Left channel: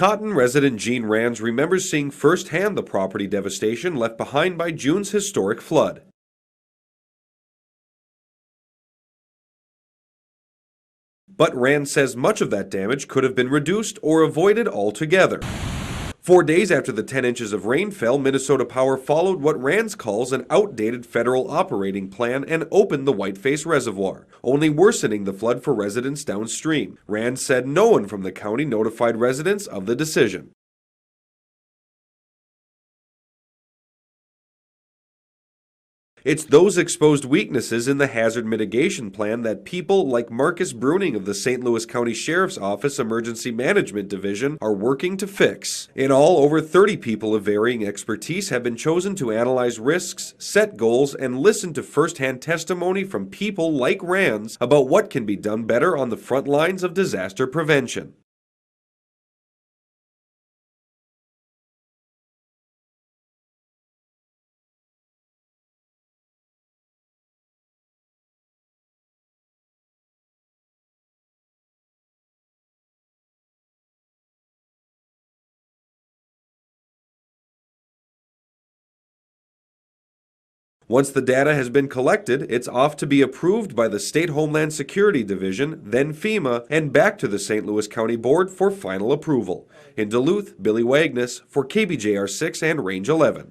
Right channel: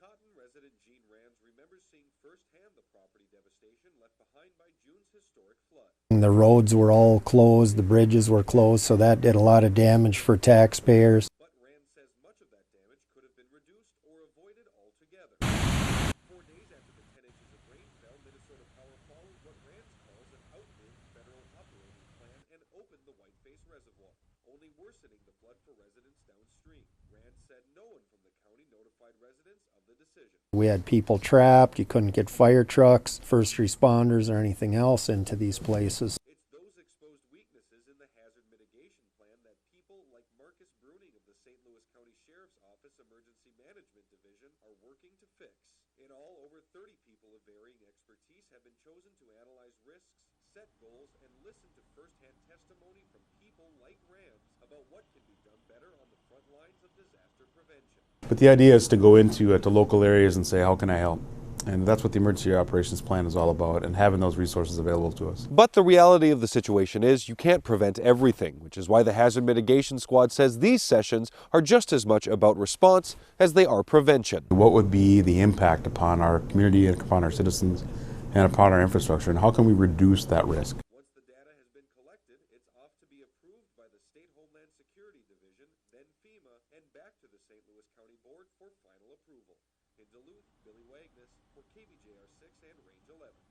Cotton resident Gene Rands remembers seeing firsthand the property devastation left behind by June's historic flood. And the roads were all closed, the bridges were closed, so that did a lot of damage for taxpayers. But Rands says much of that damage could have been reduced or avoided altogether. 4 days after the 10 inches of rain fell, Minnesota Power followed what Rands calls an outdated federal operating plan and opened the Whiteface Reservoir, only worsening the flood for residents downstream. Rands said no one from the county notified residents of the decision. We had people trapped, you couldn't get fire trucks, first responders, or anything else into these places. It's those exposed weaknesses in the hazard mitigation plan that people like Marcus Bruning of the St. Louis County Sheriff's Office Emergency Management Division are working to fix. In all, over 30 people of varying expertise have been chosen to analyze risks, set goals, and listen to firsthand testimony from people like Rands about what can be done better on the front lines of disaster prevention. But the idea is to go into to local areas and say, how can I help? And that's what the Emergency Operations Plan is all about, and having those resources available to us. But the reality of the situation is you can't prevent everything, which is why the Hazard Mitigation Squad says these sessions are just as much about response as they are prevention. What would be the impact upon our community and upon our citizens and upon our infrastructure, and how can we reduce that risk? Once the data has been collected, it's off to be approved by the State Homeland Security Division, then FEMA, and back to the St. Louis County Board for final approval. In Duluth, Billy Wagness for KBJR 6 and Range 11.